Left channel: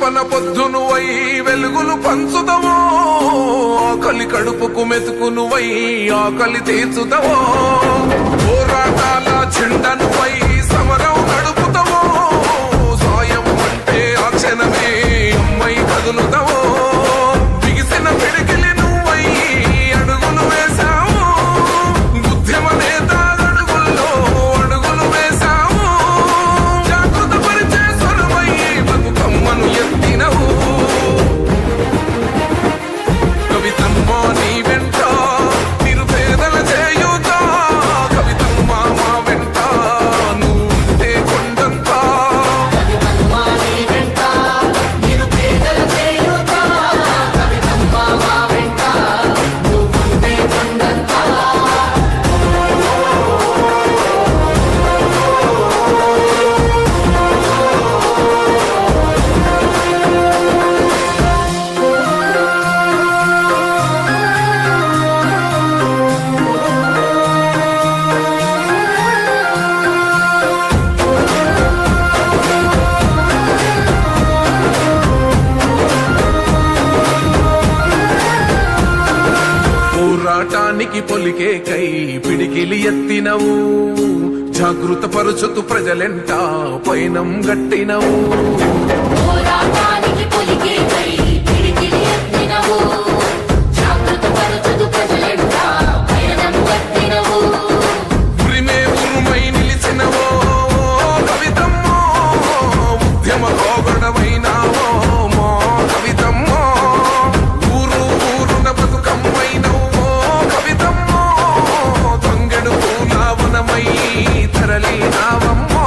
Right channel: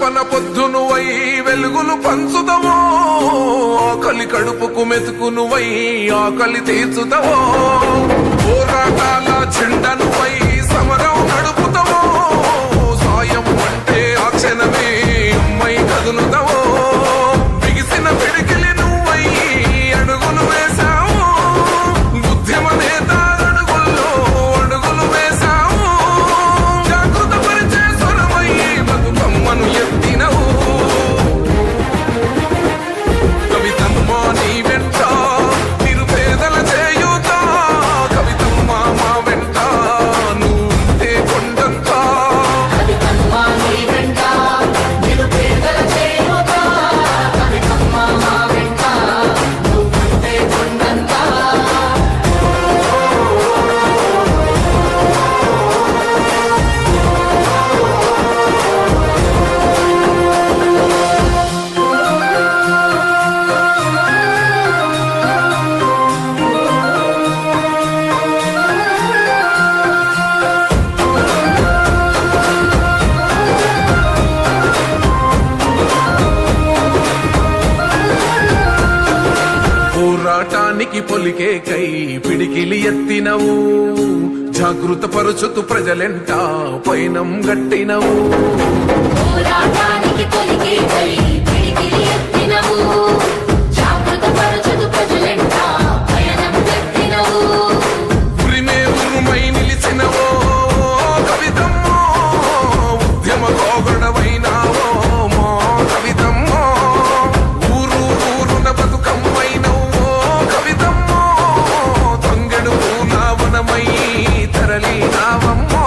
రెపన పొద్దునువై వెలుగులు పంచుదవో, ఆకలి కడుపుకు మెతుకునువై ఆకలి తీర్చుదవో, పోరాటాల జెండనువై సమరం నడుపుతావో, సాయం అంటే ఆ క్షణమే అమ్మై కదులుతావో, బిగిసిన పిడికిలి నువ్వై అడుగులు వేశావు, ఉద్యమ నేత అడుగుల్లో అడుగులు వేశావు, జాగృత పరిచే స్వరమై బతుకమ్మను ఎత్తినవు. కవితమ్మ నీ వెంట నిరుపేదల చేయూత, కవితమ్మ మా వెంట నువ్వుంటే కొండంత. పోరాటానికి పొలికే కై పిడికిలి ఎత్తినవు, జాగృత పరుచుతూ ప్రజలెంట పైనం గట్టినవు. ఉరిమే ఉరుమై నిలిచినవో కవితమ్మో, ఉద్యమ కోగడవైనావో మా కవితమ్మో, ఊరు ఊరున బతుకమ్మైనవో కవితమ్మో, తంగెడు పూల వనమై తరలినావమ్మో.